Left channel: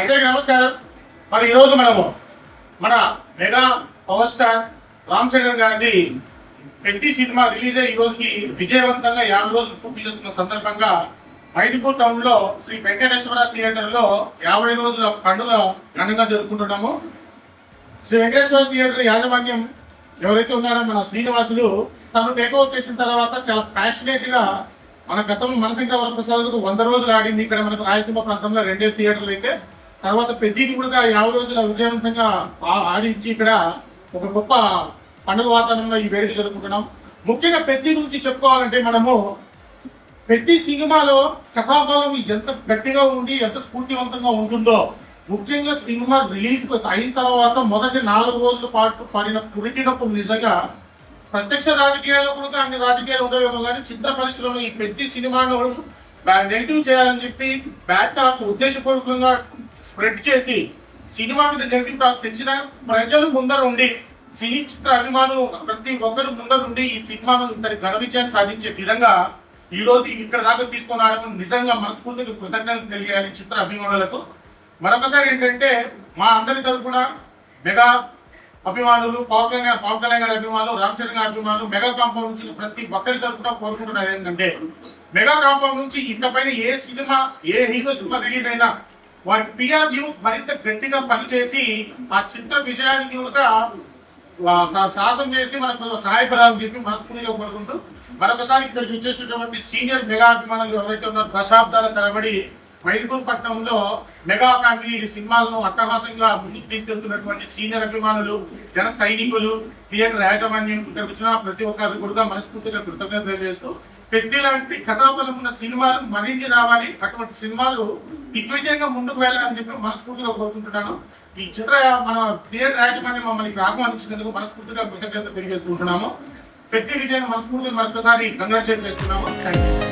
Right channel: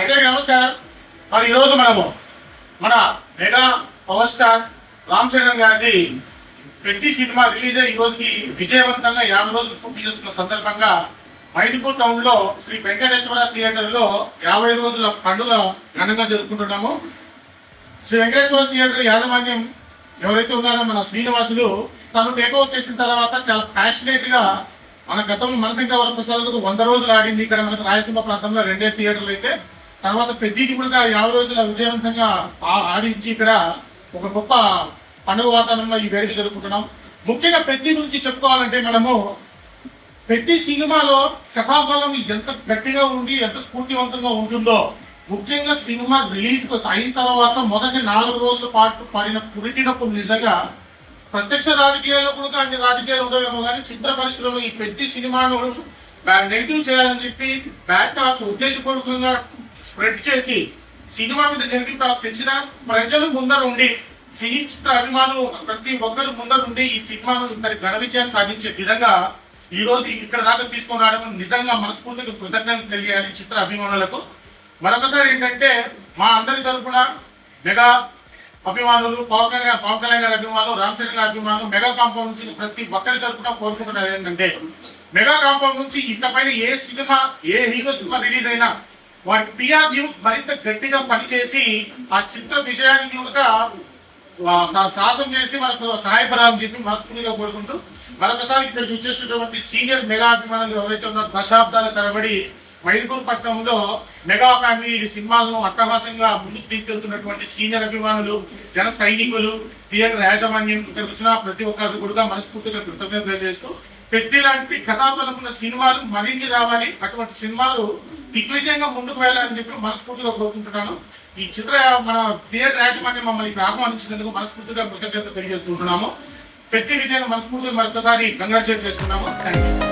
అందరికీ నమస్కారం. మరి ఈరోజు మనము మన mega power star Ram Charan గారిది పెద్ద సినిమా రిలీజ్ అయ్యి ఈ రోజుకి విజయవంతంగా 50 రోజులు పూర్తి చేసుకున్న సందర్భంగా మైదుపూర్ టౌన్ లో శ్రీ వెంకటేశ్వర థియేటర్ లో 50 రోజుల పండుగ ఘనంగా జరుపుకుంటున్నాము. శ్రీ వెంకటేశ్వర థియేటర్ యాజమాన్యం ఎవరైతే ఉన్నారో మన శ్రీనివాసులు తను టేక్ఓవర్ చేసిన తర్వాత చాలా ప్యాషనేట్ గా మన గతంలో మనసింకా వరప్రసాద్కు 100 రోజులు ఆడింది. ఇక్కడ మనకు రాయలసీమ ప్రాంతంలో 2 థియేటర్లు అయితే తర్వాత పెద్దది కూడా 50 రోజుల విజయవంతంగా ఆడించి ఇక్కడ ఒక గొప్ప పండుగ వాతావరణంలో ఈ వేడుక జరుపుకుంటున్నాం. ముఖ్యంగా పెద్ద నుంచి చెప్పుకోవాలంటే మనము పెద్ద సినిమాలో కథాబలం ఎంత గట్టిగా ఉండి ఎంత స్ఫూర్తివంతంగా ఉంటుందో, ముఖ్యంగా సినిమా రిలీజ్ అయిన తర్వాత మొదటి 4 రోజుల పాటు పడిన పురిటినప్పుడు నిజంగా ప్రత్యక్ష రాజకీయాల్లో కూడా అన్ని రాజకీయాలు ఉండవేమో కానీ చిత్ర పరిశ్రమ ఈ పెద్ద సినిమాను నెగిటివ్ చేయాలని చెప్పి బ్యాడ్ టాక్ ఉద్దేశపూర్వకంగా స్ప్రెడ్ చేసి సినిమా మీద నెగిటివ్ టాక్ తెచ్చిన ప్రజలు ముందర ఉండి సినీ చిత్ర అభిమానులు ప్రతి ఒక్కరు ముందర ఉండి ఈ సినిమాను ఇంతటి ఘన విజయాన్ని సాధించే విధంగా ఈ రోజు ఇక్కడ దాకా తీసుకొని రావడం నిజంగా మనస్ఫూర్తిగా కృతజ్ఞతలు తెలియాలి చిత్ర అభిమానులకు. మరొకసారి ఏంటంటే మా అందరి తరఫున మెగా అభిమానులు, పవన్ కళ్యాణ్ గారి అభిమానులు, రామ్ చరణ్ గారి అభిమానులు, మెగా కాంపౌండ్ నుంచి ప్రతి ఒక్కరి తరఫున కోరుకుంటున్నది ఏంటంటే మెగా కాంపౌండ్ నుంచి ఇకపైన ఏ సినిమా ఏ హీరో సినిమా రిలీజ్ అయినా వాటి పిఆర్ మరింత గట్టిగా పనిచేసి ఆ చిత్ర విజయానికి సాహసం చేసి మనకు సహాయపడాలని చెప్పి మనస్ఫూర్తిగా కోరుకుంటూ మరొకసారి ఇక్కడికి వచ్చేసినటువంటి సీనియర్ మెగా అభిమానులు ఎవరైతే ఉన్నారో దశాబ్దాల తరబడి మైదుకూరు పట్టణంలో మెగా ఫ్యామిలీ సినిమాలను అట్టహాసంగా ముందుకు తీసుకెళ్తున్నటువంటి సీనియర్ అభిమానులు, జన సైనికులు, థియేటర్ యాజమాన్యం ఇక్కడికి వచ్చిన ప్రతి ఒక్కరు కూడా మనస్ఫూర్తిగా కృతజ్ఞతలు తెలియజేస్తూ పెద్ద లాంటి కథాబలం ఉన్న సినిమాలు మరిన్ని రావాలి, అటువంటి సినిమాలు దిగ్విజయంగా ముందుకు వెళ్ళాలని చెప్పి మనస్ఫూర్తిగా కోరుకుంటున్నాను. ఈ చిత్ర మన థియేటర్ యాజమాన్యం మమ్మల్ని ఆహ్వానించినందుకు మనస్ఫూర్తిగా కృతజ్ఞత తెలియజేసుకుంటున్నాము. పెద్ద విజయాన్ని మనస్ఫూర్తిగా మరొకసారి కంగ్రాచులేట్ చేస్తున్నాము. Thank you.